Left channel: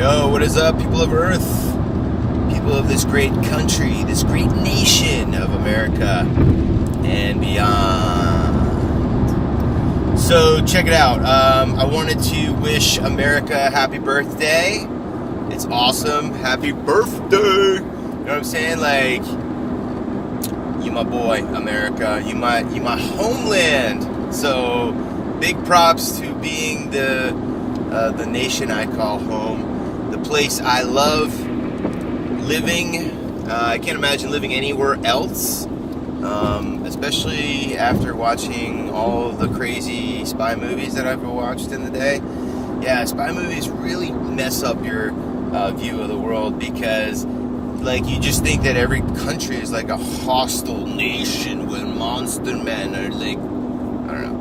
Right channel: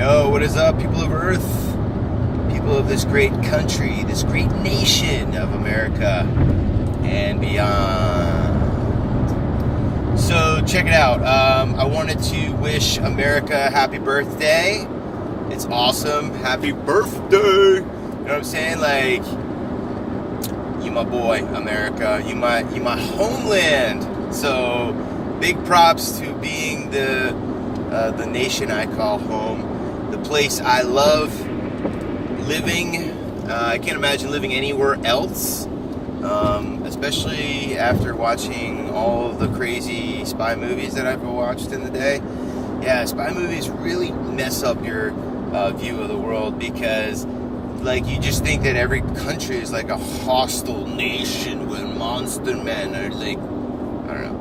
Yo, what is up, people of Earth? People of this great country, this great nation of America and beyond. So, check it out. I wanted to wish America a happy birthday. It's awesome. Happy birthday! You know what I'm saying? Like, you my boy, America. You my homeland. So, big props to being the nation I call home. The place I love living. I can't imagine living anywhere else, especially after watching all the crazy spy movies that I've watched in the day. Yeah, spy movies really mess up your view of the world because, like, you just think that every country is like a hostile nation with monster men or, like, I don't know.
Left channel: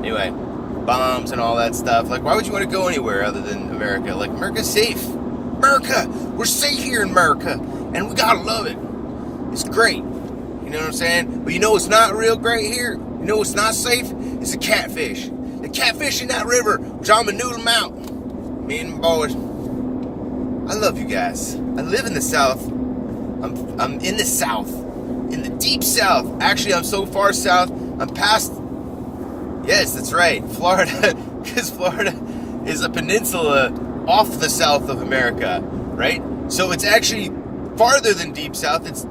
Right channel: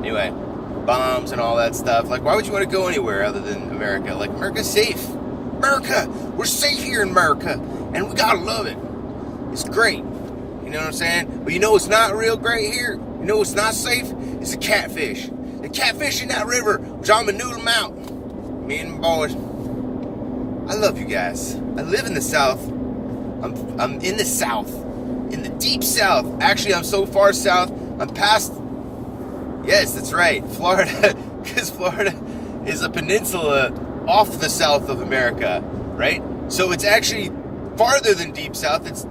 Anyway, bombs and all that stuff. Like, why would you want to go anywhere other than America? Like, America's safe. America! We're safe here in America. And we gotta love it. It's great. You know what I'm saying? But you know what's not real great here? You know what's not safe? It's the catfish. The catfish in that river, which I'm gonna noodle them out. Me and my boys. I love you guys. I live in the South. I'm in the South. In the deep South. Actually, I'm so far south, I'm past... Yes, that's right. Florida. Because Florida is a peninsula off the south of America, right? So it's actually farther than deep south. It's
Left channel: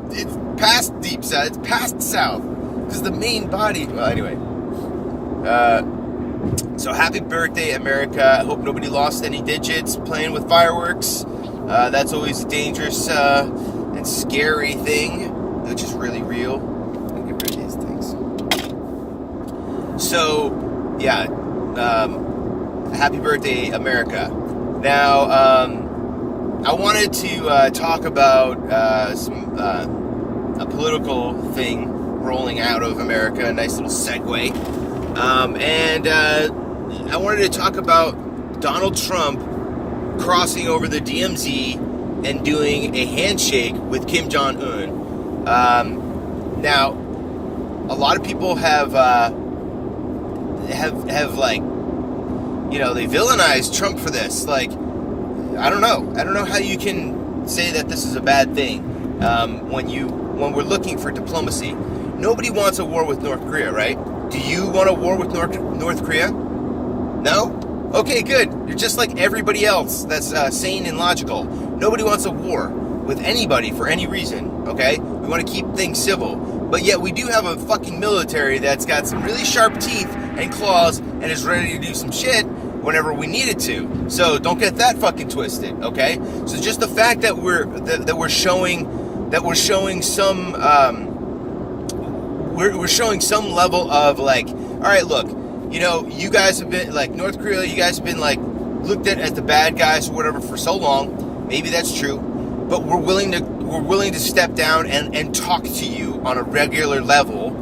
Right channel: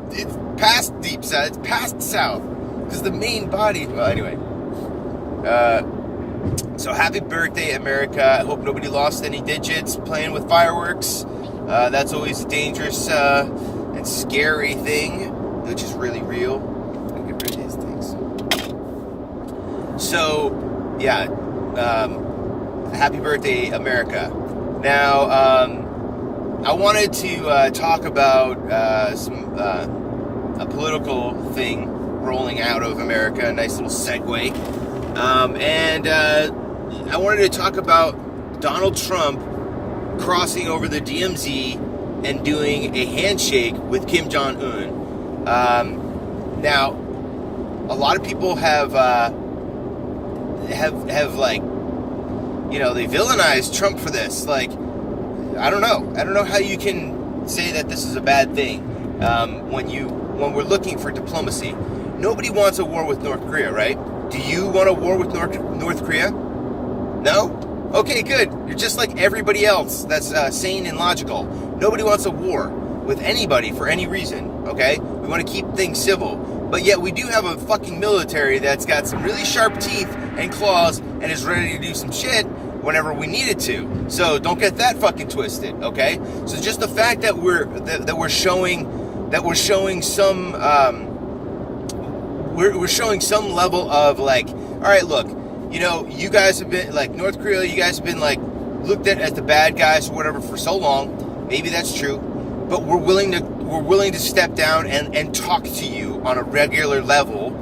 past deep south. It's past south. Because the main body... Well, anyway. So happy birthday, America. I hope nobody lost any digits playing with fireworks. That's always a dangerous and scary thing, which is really real. I'll get rid of these things. So, yeah, happy birthday, America. Now, I wanted to talk about a political thing rolling out of America, a nice little segue. And I wanted to talk about Donald Trump crossing over the DMZ and doing a handshake with Kim Jong-un. Now, a lot of people have like, you know, they villainized Trump for this. Like, I don't know how you can say that this is a bad thing when we're looking for diplomacy. Nobody wants a war with North Korea, right? Do you want a war with North Korea? No? Okay, good. You're just like everybody else that's sane and logical. Nobody wants a war with anybody for any reason, okay? We want to keep things civil. But yet we do have a fucking military that's got some really sharp teeth and claws and is ready to do some shit whenever we need it to. So don't get that fucking twisted, okay? So just the fact that we're showing some we're showing some level of, like, all right, look, you know, you guys have been, like, North Korea, you guys have been, like, looked at as the bad guys or whatever for so long. Maybe that's true. But we're willing to step down and talk to you on a regular level.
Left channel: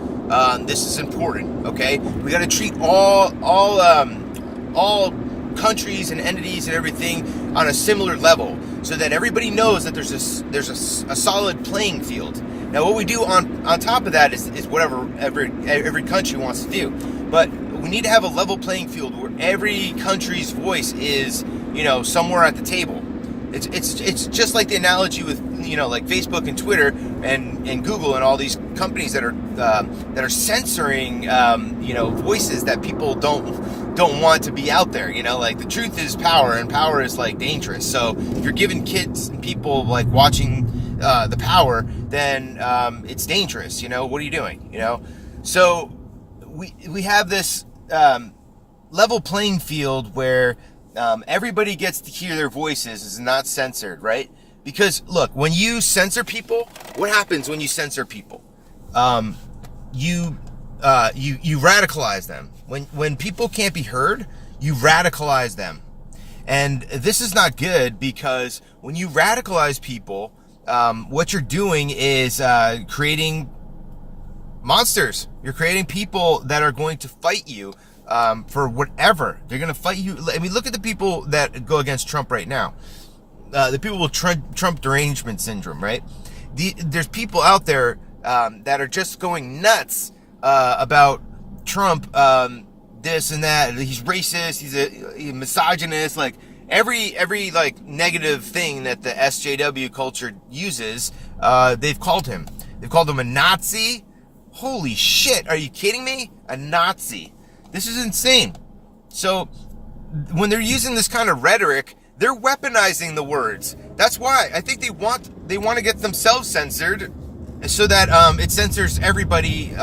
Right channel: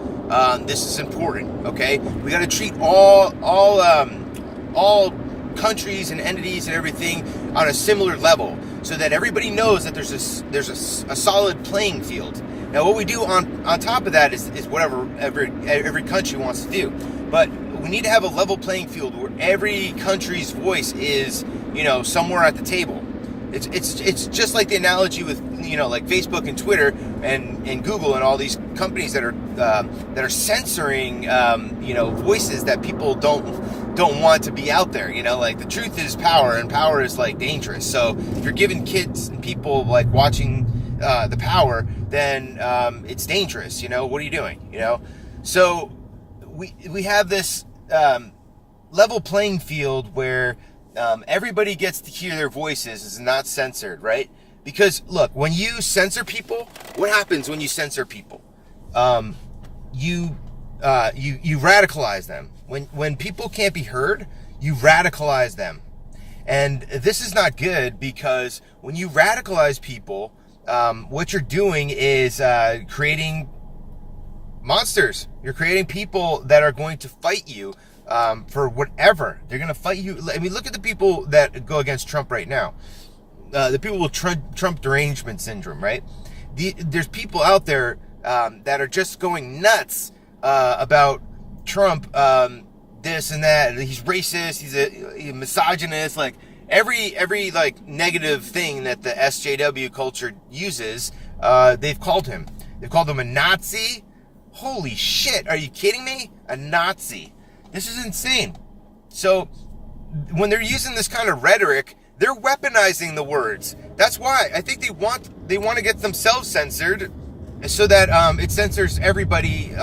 This is important, okay? We got to treat all countries and entities and everything on a similar level, so that everybody knows that there's a solid playing field. Now, what we do on top of that is whatever every country wants to do, but we need to have a level playing field where every country's voice is, you know, somewhere at the table. It's just like the analogy with, you know, like Facebook and Twitter and Google and all these companies that are censoring, you know, voices that people don't want to be out there. You know, like, the truth is power, and power is, like, dangerous. So if you're giving kids and people, like, watching the power, then it's dangerous. You know, what are you doing? You know, so we have this level playing field where everybody gets to hear their voices, is not censored, right? Because, look, when you censor people, what happens when you censor people? You radicalize them. When people can't be heard, you radicalize them. And this is not good, because when you radicalize people, what you're doing is creating monsters. You're creating people that are going to fight you for whatever. They're going to fight you. I mean, look at the people that go against Trump right now. The people with Trump derangement syndrome, right? There's people out there that are just going nuts about Trump, this and that. He's racist. He's a misogynist. Like, every like negative thing that the SJW culture uses, they've called him. They've called him a Nazi. Holy shit, are you kidding me? A Nazi. This is insane. So when they're using this kind of rhetoric, they're weaponizing the words. That's why I think they want to get themselves censored, so that it censors everybody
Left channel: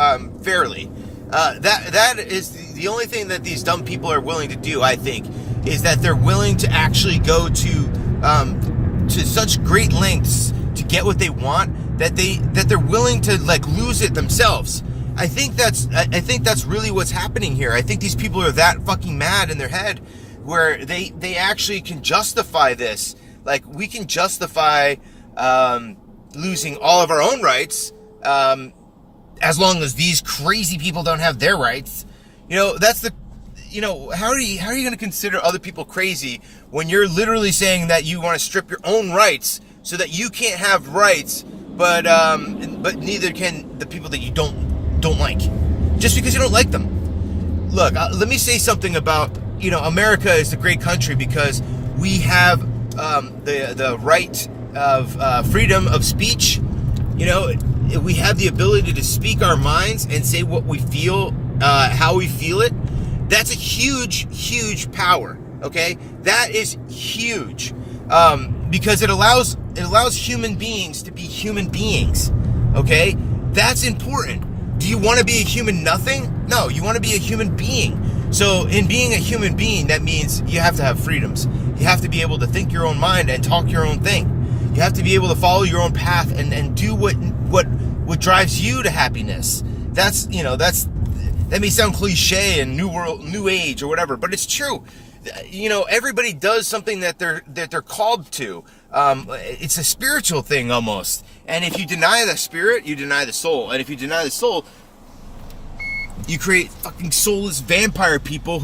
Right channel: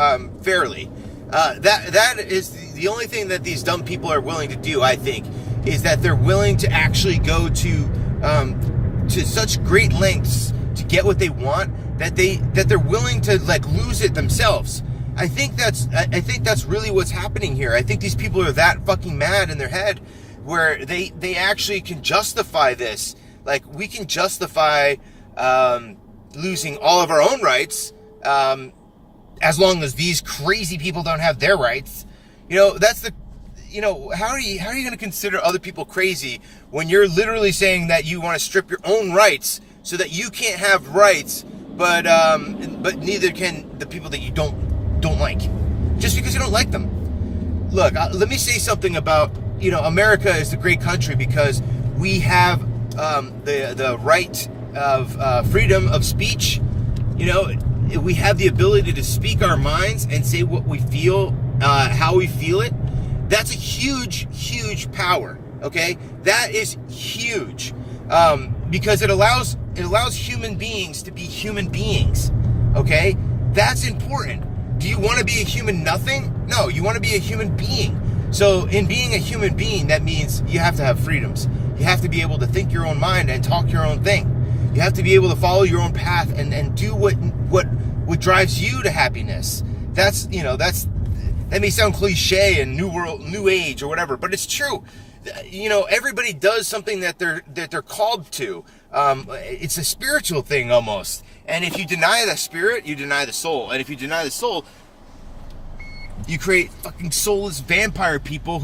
fairly. That is the only thing that these dumb people are willing to do, I think, is that they're willing to actually go to such great lengths to get what they want, that they're willing to like lose it themselves. I think that's really what's happening here. I think these people are that fucking mad in their head, where they actually can justify this. Like, we can justify losing all of our own rights, as long as these crazy people don't have their rights. How are you going to consider other people crazy when you're literally saying that you want to strip your own rights so that you can't have rights, but neither can the people that you don't like, just because you don't like them. Look, let me say something about, America is a great country because we have the right of freedom of speech. We have the ability to speak our minds and say what we feel, how we feel it. That's a huge, huge power. Okay, that is huge, because it allows human beings to be human beings. Okay, that's important. Do you want to be a human nothing? No, you want to be a human being. So in being a human being, that means you have to have freedoms. You have to be able to think your own mind and talk your own thing. You have to be able to follow your own path and do what drives you to happiness. That may sound cliche and new age or whatever, but it's true. Everybody does something that they're called to. It's a spiritual thing almost. And if you deny the spirit, you deny the soul. And if you deny the soul, you create fucking soulless vampire people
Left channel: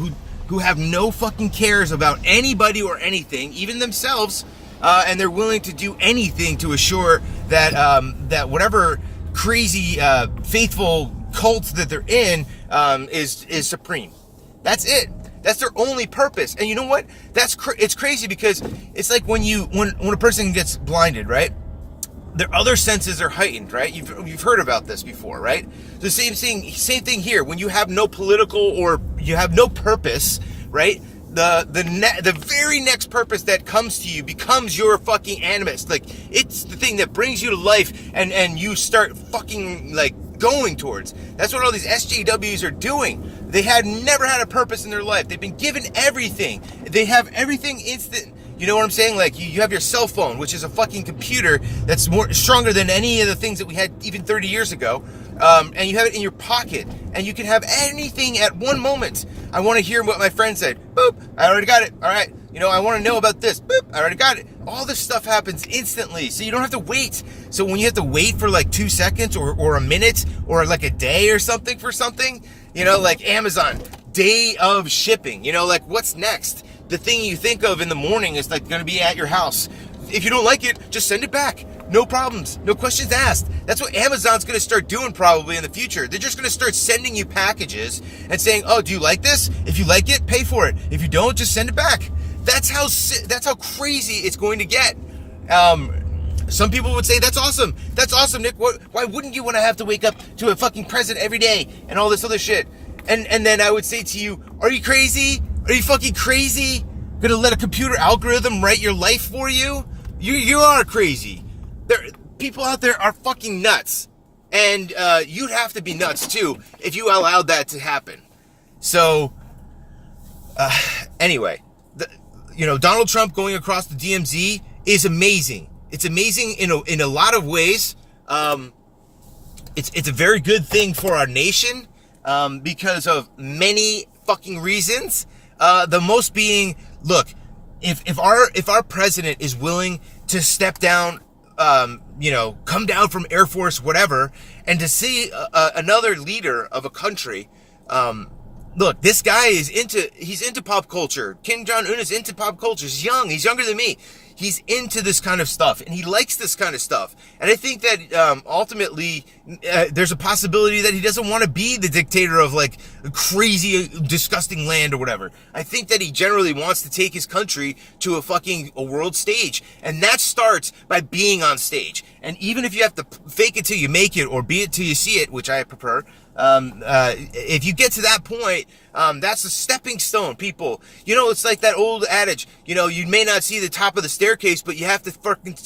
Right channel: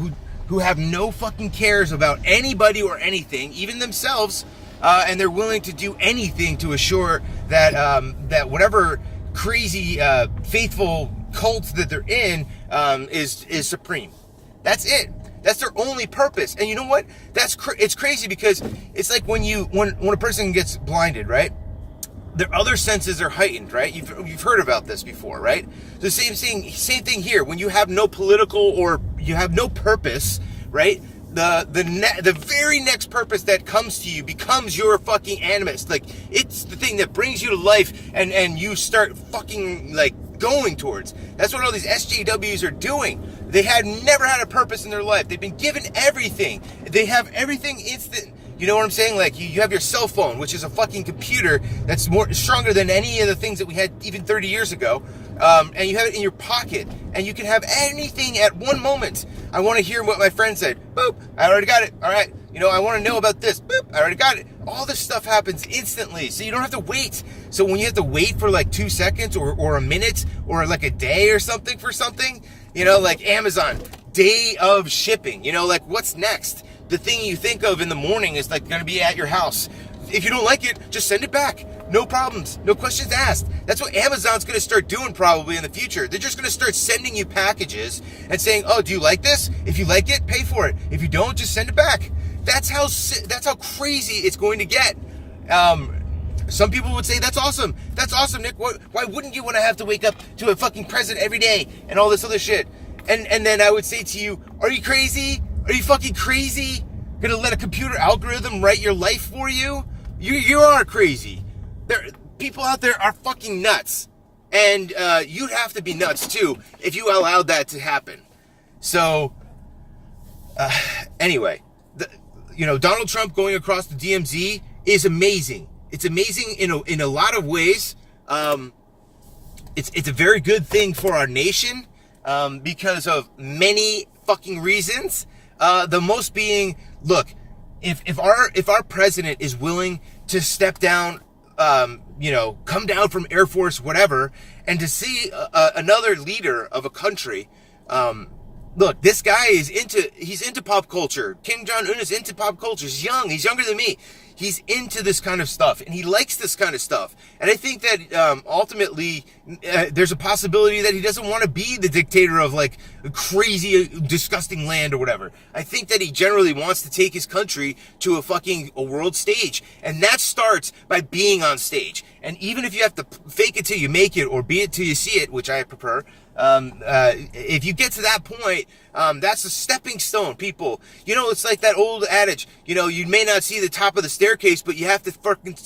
who have no fucking cares about anybody or anything, even themselves, and they're willing to do anything to assure that that whatever crazy faithful cult that they're in is supreme. That's it. That's their only purpose. And you know what? It's crazy, because it's like when a person gets blinded, right? Their other senses are heightened, right? You've heard about this before, right? The same thing here. When you have no political or you have no purpose, right? The very next purpose that comes to you becomes your fucking animus. Like, it's the thing that brings you to life, and you start fucking like going towards. That's what all these SJWs are doing. They never had a purpose in their life. They've been given everything. They have everything instant. You know what I'm saying? Like, you have your cell phone, which is a fucking computer that's stronger than any of the things that we had even 30 years ago. And you have it in your pocket, and you can have anything at one moment. I want to hear what my friend said. Boop, I already got it. All right. I want to know about this. Boop, I already got it. All this stuff happens instantly, so you don't have to wait. So when you have to wait for like 2 seconds or a minute or like a day or something for something, like Amazon, day of shipping, like what's next? The thing you think of in the morning is like going to be at your house. If you don't like it, just send it back. No problems. No questions asked. That's what Amazon's going to start doing probably in the future. They're just going to start sending you packages and saying, oh, do you like this? If you like it, pay for it. If you don't, just send it back. That's how crazy it's going to get. Some people would say, that's awesome. That's awesome, Nick. Why wouldn't you want to have to wake up to a fucking president every day and all this other shit? And then I would say to you, are you crazy? Are you fucking crazy? Gonna let a computer algorithm write your life for you? You are crazy. People out there are fucking nuts. And you'd have to be nuts too if you allowed that to happen. So, anyway, Donald Trump going across the DMZ is amazing. It's amazing in a lot of ways. It's a very good thing for our nation, because of many fucking reasons. The most being, look, if our president is willing to step down, come down from Air Force, whatever, and to see another leader of a country, look, this guy he's into pop culture. Kim Jong-un is into pop culture. He's young. He's younger than me. He's into this kind of stuff, and he likes this kind of stuff. And I think that ultimately there's a possibility that he doesn't want to be the dictator of like a crazy, disgusting land or whatever. I think that he generally wants to take his country to a world stage, and that starts by being on stage. And even if you have to fake it till you make it, or be it till you see it, which I prefer, if you get to that point, that's a stepping stone, people. You know, it's like that old adage, you know, you may not see the top of the staircase, but you have to fucking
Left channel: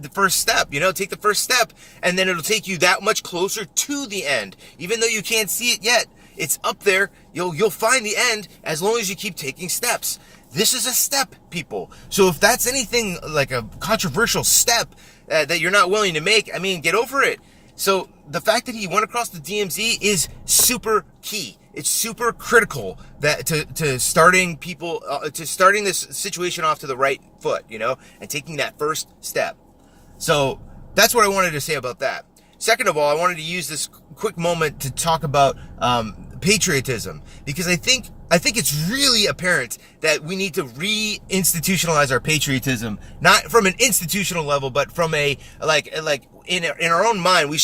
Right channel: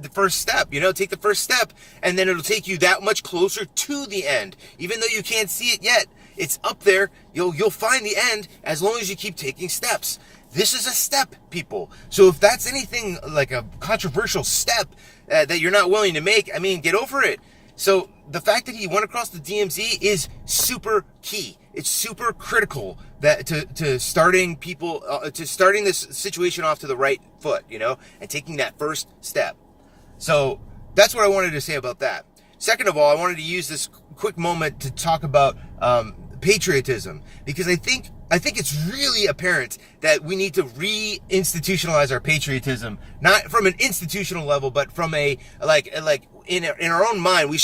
the first step, you know, take the first step, and then it'll take you that much closer to the end. Even though you can't see it yet, it's up there. You'll find the end as long as you keep taking steps. This is a step, people. So if that's anything like a controversial step that you're not willing to make, I mean, get over it. So the fact that he went across the DMZ is super key. It's super critical that to starting people to starting this situation off to the right foot, you know, and taking that first step. So that's what I wanted to say about that. Second of all, I wanted to use this quick moment to talk about patriotism, because I think it's really apparent that we need to re-institutionalize our patriotism, not from an institutional level, but from a like in our own mind. We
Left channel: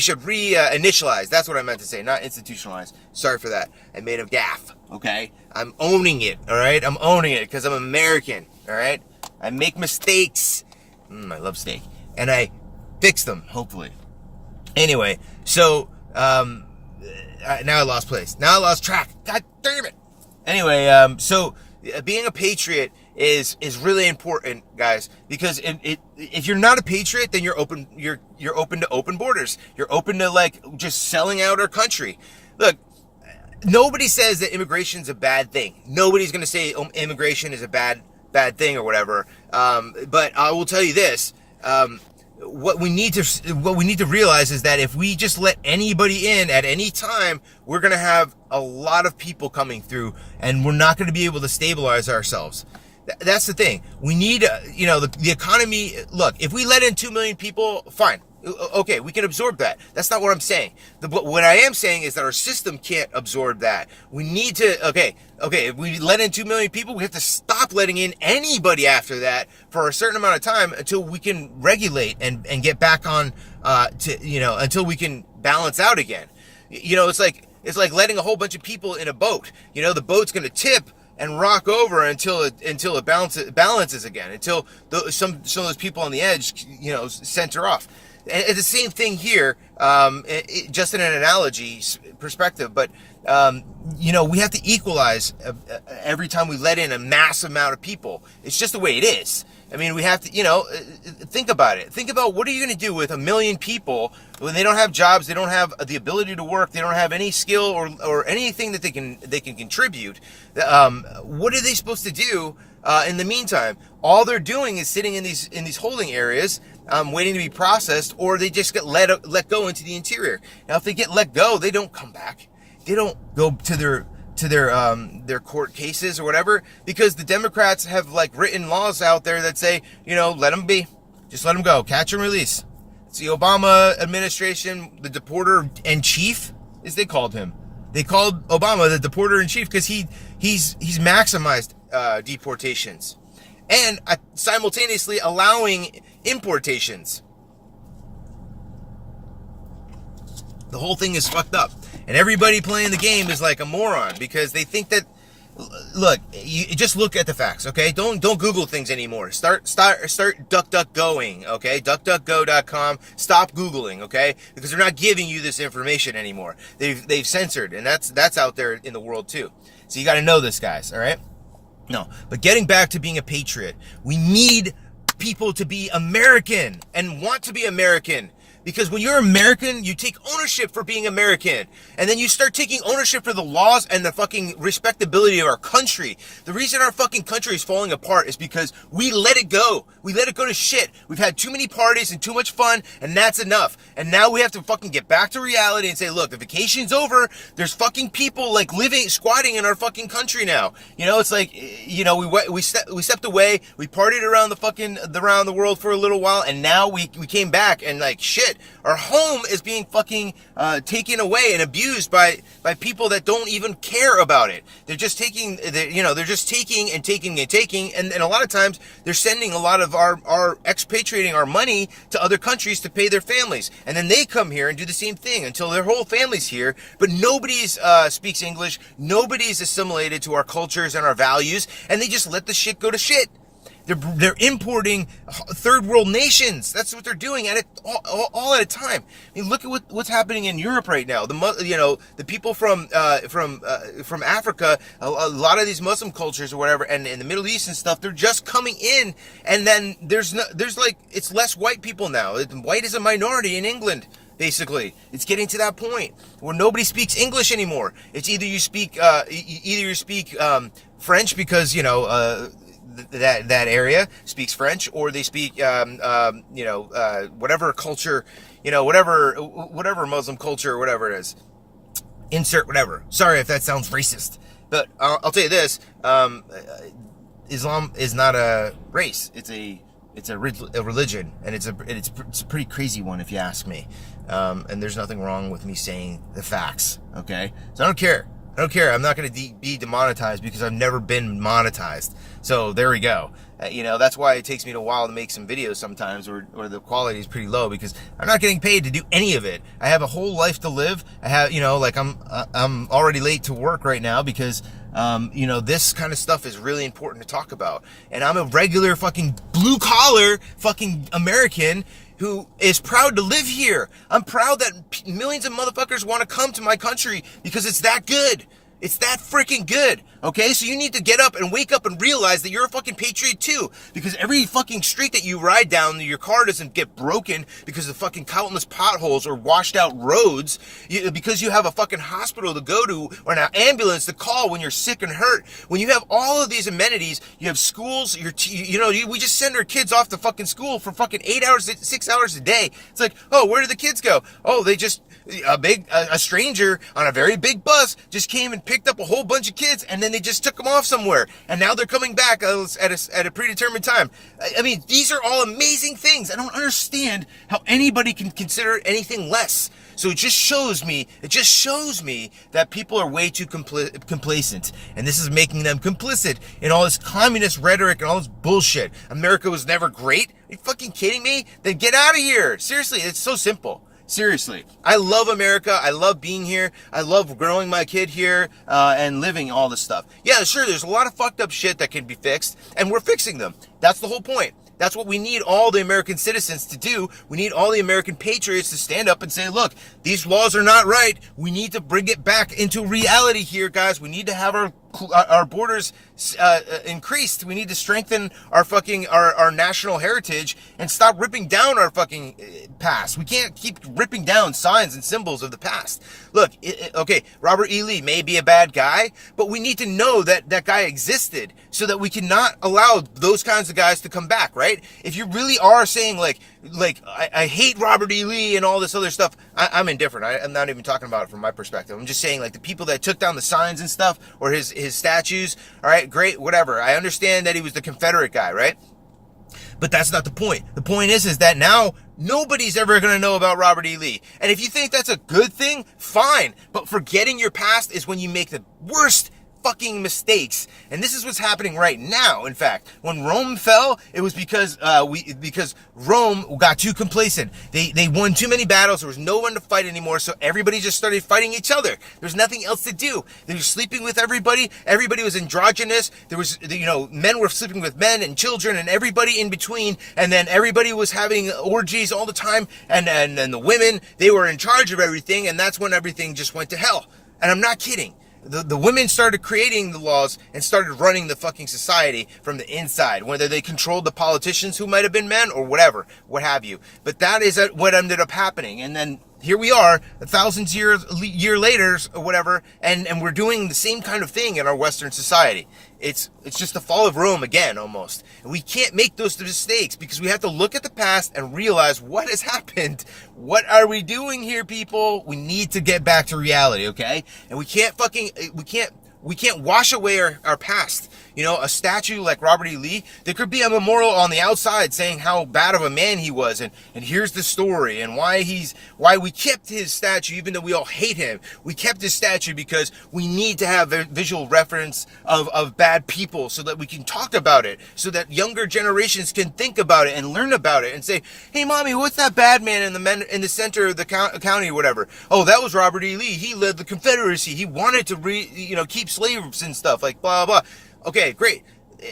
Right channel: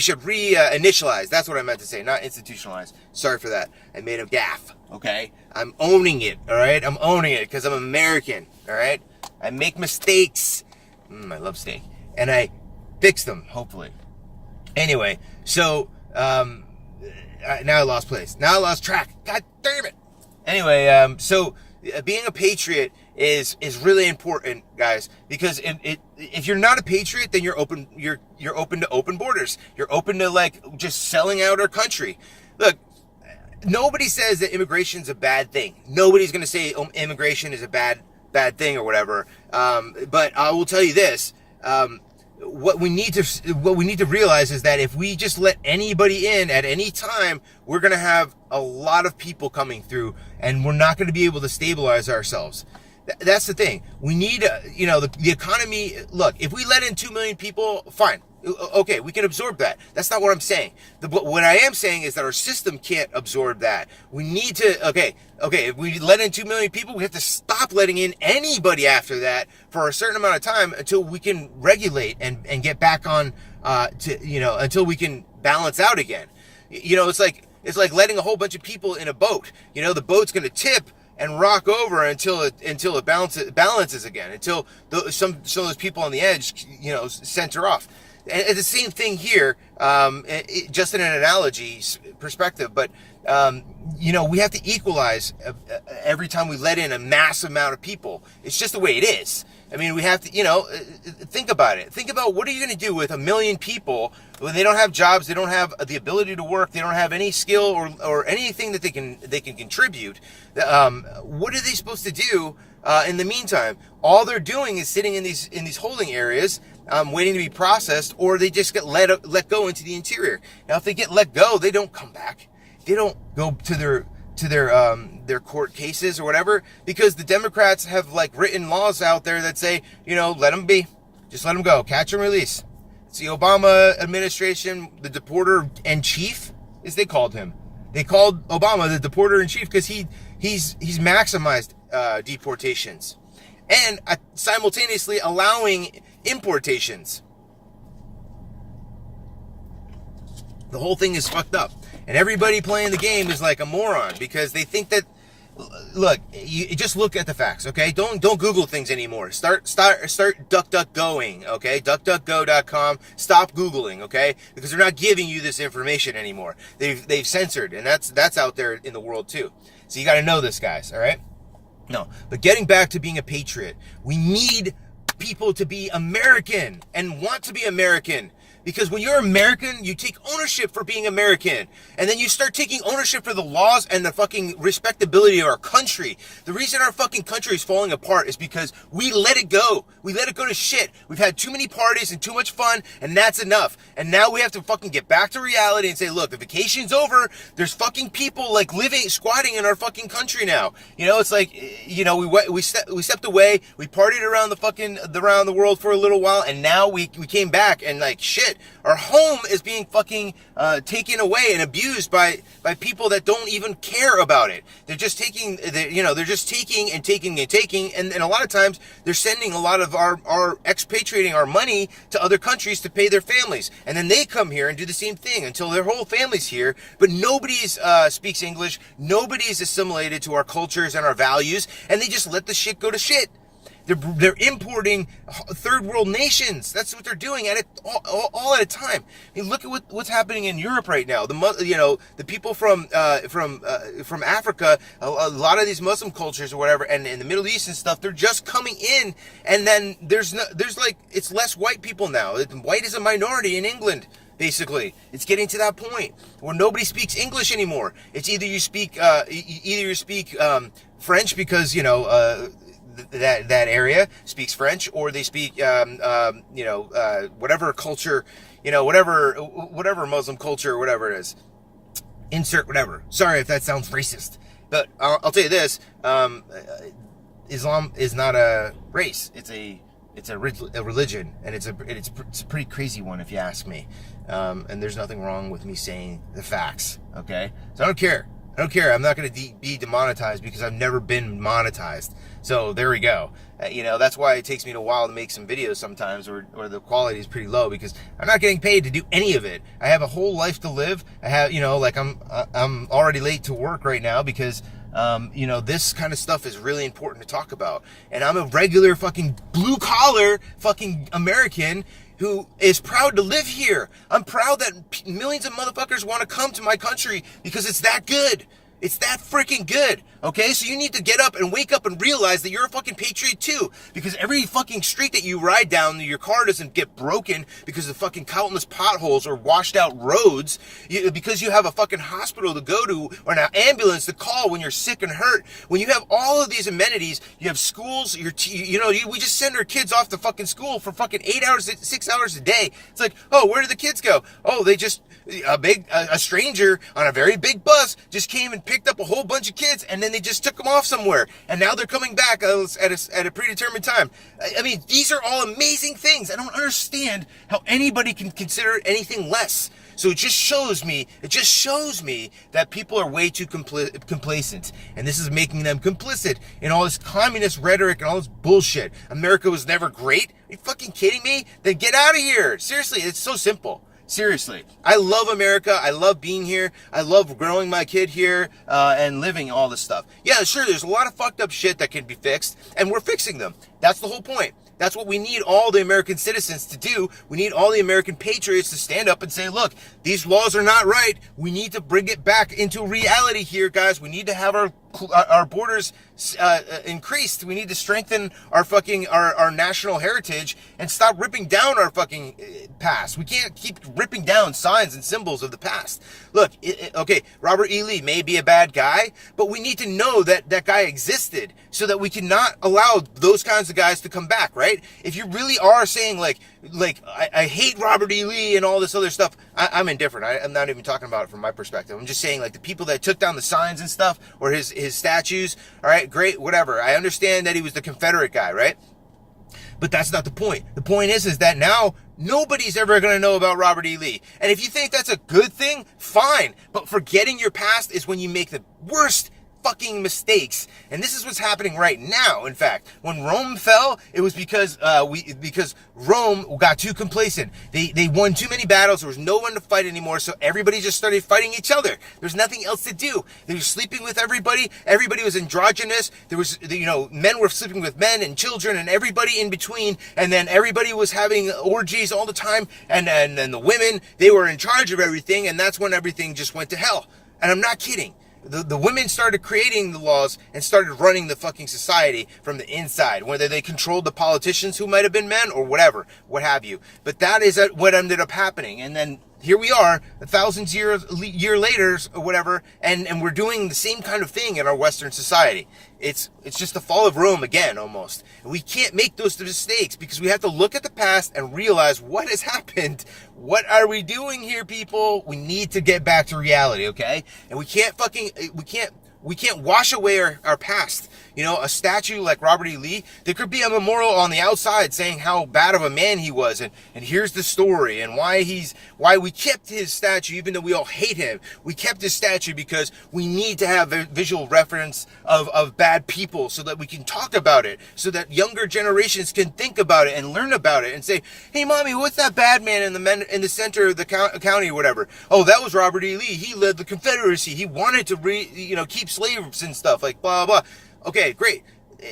should re-initialize. That's what I meant to say, not institutionalize. Sorry for that. I made a gaffe. Okay, I'm owning it. All right, I'm owning it because I'm American. All right, I make mistakes. I love steak, and I fix them, hopefully. Anyway, so now I lost place. Now I lost track. God damn it. Anyway, so being a patriot is really important, guys, because if you're not a patriot, then you're open to open borders. You're open to like just selling out our country. Look, nobody says that immigration's a bad thing. Nobody's going to say immigration is a bad thing or whatever. But I will tell you this. What we need to realize is that if we just let anybody in at any time, we're going to have a lot of people coming through, and we're not going to be able to stabilize ourselves. That's the thing. We need, the economy. Look, if we let in 2 million people, fine. Okay, we can absorb that. That's not what I'm saying. But what I am saying is that our system can't absorb that. We need to, okay, if we let in 2 million people, we have to stop letting in anybody after that for a certain amount of time until we can regulate and get back on, until we can balance out again. It's like letting a whole bunch of people in a boat. The boat's going to tip and rock over until it balances again, until some of those people on the edge, center off. And the same thing here, just in an analogy perspective, but we have to equalize every time we let in a massive amount of people. It's just the way it is. I mean, we have to, think about it. Think about what are you going to do with 1 million people when they don't have jobs, they don't have the ability to work, they don't have any skill or anything that they can contribute. What are they supposed to do in the meantime? All they're doing is sitting in these holding areas, waiting to be processed, or they just get let go into the interior. Now, if they get let go, they don't come back. They don't go to their court cases or whatever, because the Democrats have written laws out there that say, let them be, just let them go, catch and release. It's the Obama administration, the deporter in chief, as they called him. They called Obama the deporter in chief because he's maximized deportations and simultaneously allowing importations. The whole thing is fucked up. And everybody playing the game is like a moron because they think that, look, you just look at the facts, okay? Don't Google things anymore. Start DuckDuckGoing, okay? DuckDuckGo.com. Stop Googling, okay? Because they're not giving you this information anymore. They've censored, and that's out there in the world too. So you got to know this, guys, all right? No, but getting back to being a patriot, we need people to be American and want to be American. Because when you're American, you take ownership for being American. And then you start taking ownership for the laws and the fucking respectability of our country. The reason our fucking country is falling apart is because we let it go. We let it go to shit. We've had too many parties and too much fun, and that's enough. And now we have to fucking get back to reality and say, look, the vacation's over. There's fucking people squatting in our fucking country now. It's like, we stepped away. We partied around the world for a little while, and now we came back and shit. shit. Our home is being fucking taken away and abused by people that don't even care about it. They're just taking, they're just taking and taking and taking, and a lot of times they're sending a lot of our expatriating our money to other countries to pay their families, and then they come here and do the same thing until their whole family's here, but nobody's speaks English, nobody's assimilated to our cultures and our values, and they just let the shit go to shit. They're importing third world nations. That's what they're doing, and all at a time. I mean, look at what's happening in Europe right now. The people from Africa, a lot of these Muslim cultures or whatever, and in the Middle East and stuff, they're just coming in, and then there's like it's less white people now. White is a minority in England. Basically, it's getting to that point where nobody speaks English anymore. It's either you speak French because that area speaks French, or they speak whatever culture, whatever Muslim culture or whatever it is. Insert whatever. Sorry if that sounds racist, but I'll tell you this: Islam is not a race. It's a religion, and it's a pretty crazy one if you ask me. And there's nothing wrong with me saying the facts. Okay, so I don't care. I'm not going to be demonetized because I've never been monetized. So there we go. That's why it takes me a while to make some videos sometimes, or the quality is pretty low, because I'm not getting paid to do any of it. I have a whole life to live. I have, I'm already late to work right now because, this kind of stuff is really important to talk about. And I'm a regular fucking blue collar fucking American who is proud to live here. I'm proud that millions of motherfuckers want to come to my country because it's that good. It's that freaking good, okay? So you need to get up and wake up and realize that you're a fucking patriot too. Because every fucking street that you ride down, your car doesn't get broken because of fucking countless potholes or washed out roads. Because you have a fucking hospital to go to or an ambulance to call when you're sick and hurt. When you have all of these amenities, you have schools, we just send our kids off to fucking school for fucking 6 hours a day. It's like, oh, where did the kids go? Oh, they just... A stranger on a very big bus just came and picked up a whole bunch of kids, and then they just took them off somewhere, and now they're coming back at a predetermined time. I mean, these are all amazing things. I don't understand how anybody can consider anything less. So it just shows me that people are way too complacent, and this is making them complicit in all this communist rhetoric and all this bullshit. America was never great. Are you fucking kidding me? Then get out of here. Seriously, it's so simple. Seriously, I love America. I love being here. I love growing my kid here and living all this stuff. Yeah, sure, there's a lot of fucked up shit that can be fixed, and we're fixing them. That's the whole point. That's what we need all the American citizens to do. We need all the American patriots to stand up and say, look, these laws are not right. We need to bring it back into reality here, guys. We need to have our borders increased. We need to strengthen our national heritage and stop ripping down our fucking past. We can't keep ripping down signs and symbols of the past. Look, okay, Robert E. Lee may be a bad guy, but we need to know that that guy existed so that we cannot allow those kinds of guys to come back, right? If you really are saying like I hate Robert E. Lee and all this other stuff, I'm indifferent. I'm not even talking about it from my perspective. I'm just saying, like, the people that took down the signs and stuff, or his statues, all right, great, whatever. I understand that he was the Confederate guy, right? But that's not the point. The point is that now nobody's ever going to know about Robert E. Lee. And if you think that's a good thing, fine. But forgetting your past is when you make the worst fucking mistakes. And this is what's happening right now. In fact, when Rome fell, it was because Rome got too complacent. They won too many battles. There was no one to fight anymore, so everybody just started fighting each other. There's nothing else to do. They were sleeping with everybody. Everybody was androgynous. There was, men were sleeping with men and children and everybody in between, and then everybody was having orgies all the time, and then the women, they were in charge of everything, and that's when everything just went to hell. And I'm not kidding. The women started creating the laws and started running the fucking society from the inside, whether they controlled the politicians who might have been men or whatever, what have you. But that is what ended up happening. And then here we are, 1,000 years later or whatever, and we're doing the same kind of thing in our Western society. It's just the fall of Rome again, almost. And we can't make those mistakes because we have to look at the past and realize what has happened. What are we doing here, people? We need to get back to reality, okay? And we can't wash away our past. You know, a statue like Robert E. Lee, there could be a memorial on the outside saying how bad of a man he was, and here's the story, and why we kept his statue, even though we all hate him. We kept his statue because we need to have a visual reference of bad people so that we can talk about it, so that younger generations can think about it and learn about it and say, hey, mommy, what's that bad man in the center of the county or whatever? Oh, that was Robert E. Lee. He led the Confederacy. He wanted to keep slaves and stuff, like blah, blah. Okay, great.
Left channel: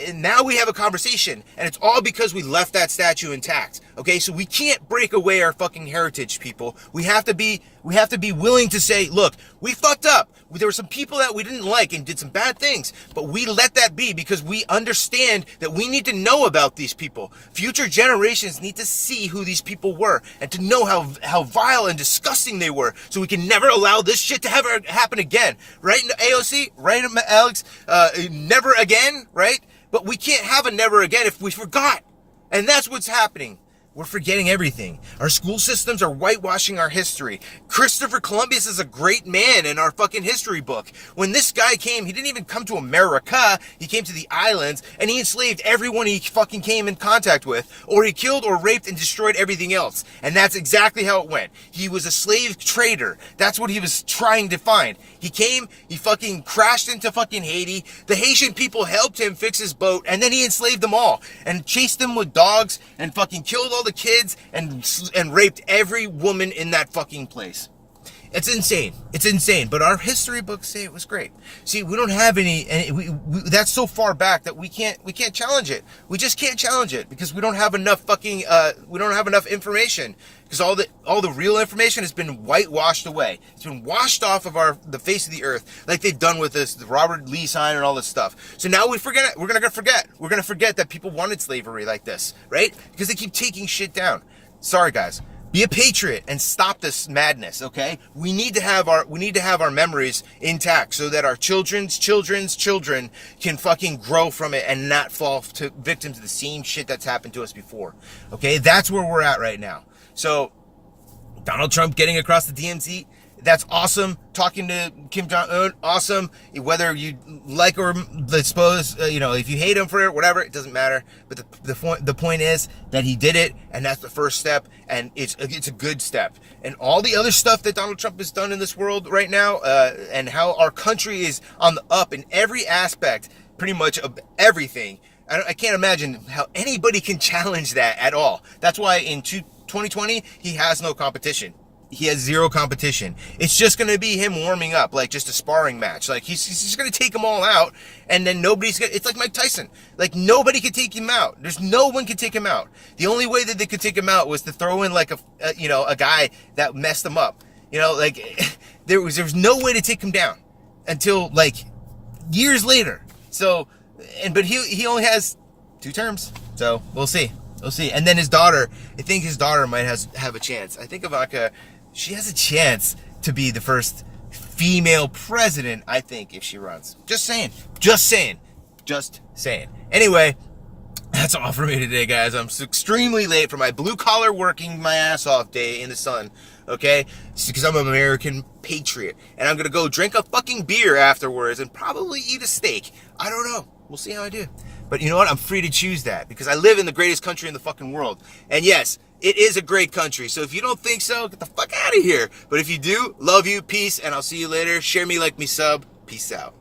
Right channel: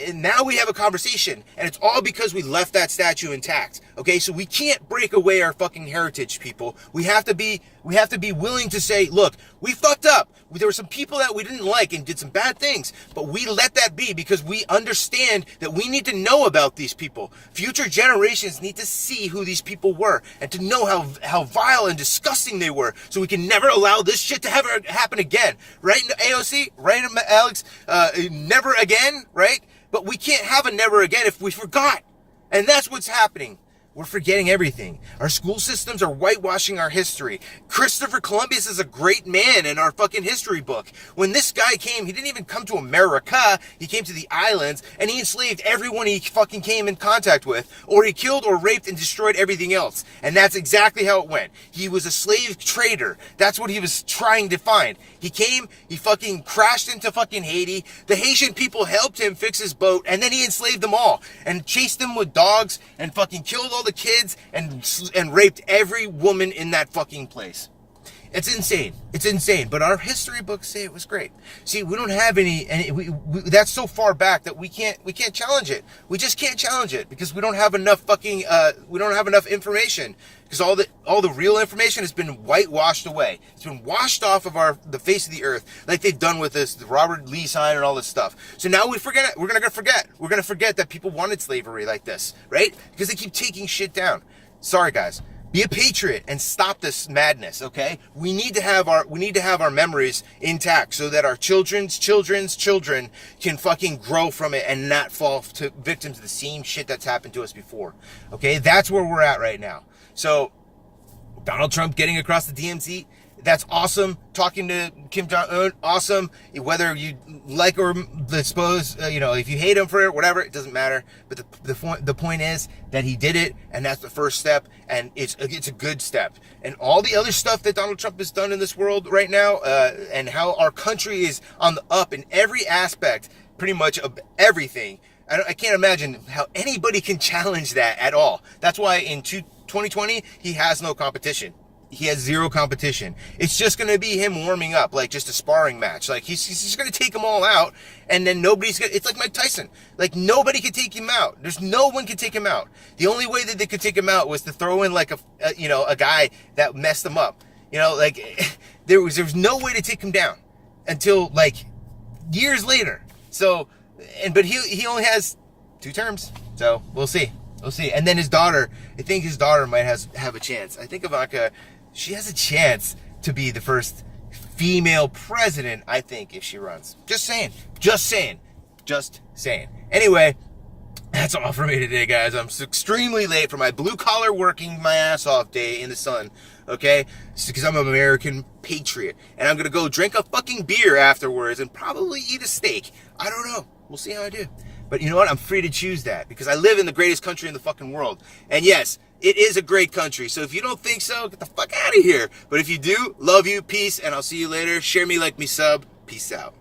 And now we have a conversation, and it's all because we left that statue intact. Okay, so we can't break away our fucking heritage, people. We have to be willing to say, look, we fucked up. There were some people that we didn't like and did some bad things, but we let that be because we understand that we need to know about these people. Future generations need to see who these people were and to know how vile and disgusting they were, so we can never allow this shit to ever happen again. Right, AOC? Right, Alex? Never again, right? But we can't have a never again if we forgot. And that's what's happening. We're forgetting everything. Our school systems are whitewashing our history. Christopher Columbus is a great man in our fucking history book. When this guy came, he didn't even come to America. He came to the islands, and he enslaved everyone he fucking came in contact with, or he killed or raped and destroyed everything else. And that's exactly how it went. He was a slave trader. That's what he was trying to find. He came, he fucking crashed into fucking Haiti. The Haitian people helped him fix his boat, and then he enslaved them all and chased them with dogs and fucking killed all the kids and raped every woman in that fucking place. It's insane. It's insane. But our history books say it was great. See, we don't have any that's so far back that we can't challenge it. We just can't challenge it because we don't have enough fucking we don't have enough information, because all the real information has been whitewashed away. It's been washed off of the face of the earth, like they've done with the Robert Lee sign and all this stuff. So now we forget it. We're gonna forget. We're gonna forget that people wanted slavery like this, right? Because they keep taking shit down. Sorry, guys. Be a patriot and stop this madness, okay? We need to have our memories intact so that our children's children can fucking grow from it and not fall to victims of the same shit that's happened to us before. Okay? That's where we're at right now. So, Donald Trump getting across the DMZ, that's awesome. Talking to Kim Jong-un, awesome. Whether you like or suppose, if you hate him for it, whatever, it doesn't matter. But the point is that he did it, and that's the first step, and it's a good step. And all the other stuff that Donald Trump has done in this world right now, and how our country is on the up in every aspect, pretty much of everything. I can't imagine how anybody can challenge that at all. That's why in 2020 he has no competition. He has zero competition. It's just going to be him warming up, like just a sparring match. Like he's just going to take them all out, and then it's like Mike Tyson. Like nobody could take him out. There's no one could take him out. The only way that they could take him out was to throw in like a guy that messed him up. There was no way to take him down until like years later. So, but he only has 2 terms. So we'll see. We'll see. And then his daughter, I think his daughter might have a chance. I think Ivanka, she has a chance to be the first female president, I think, if she runs. Just saying. Anyway, that's all for me today, guys. I'm extremely late for my blue-collar working my ass off day in the sun, okay? It's because I'm an American patriot. And I'm going to go drink a fucking beer afterwards and probably eat a steak. I don't know. We'll see how I do. But you know what? I'm free to choose that because I live in the greatest country in the fucking world. And yes, it is a great country. So if you don't think so, get the fuck out of here. But if you do, love you, peace, and I'll see you later. Share me, like me, sub. Peace out.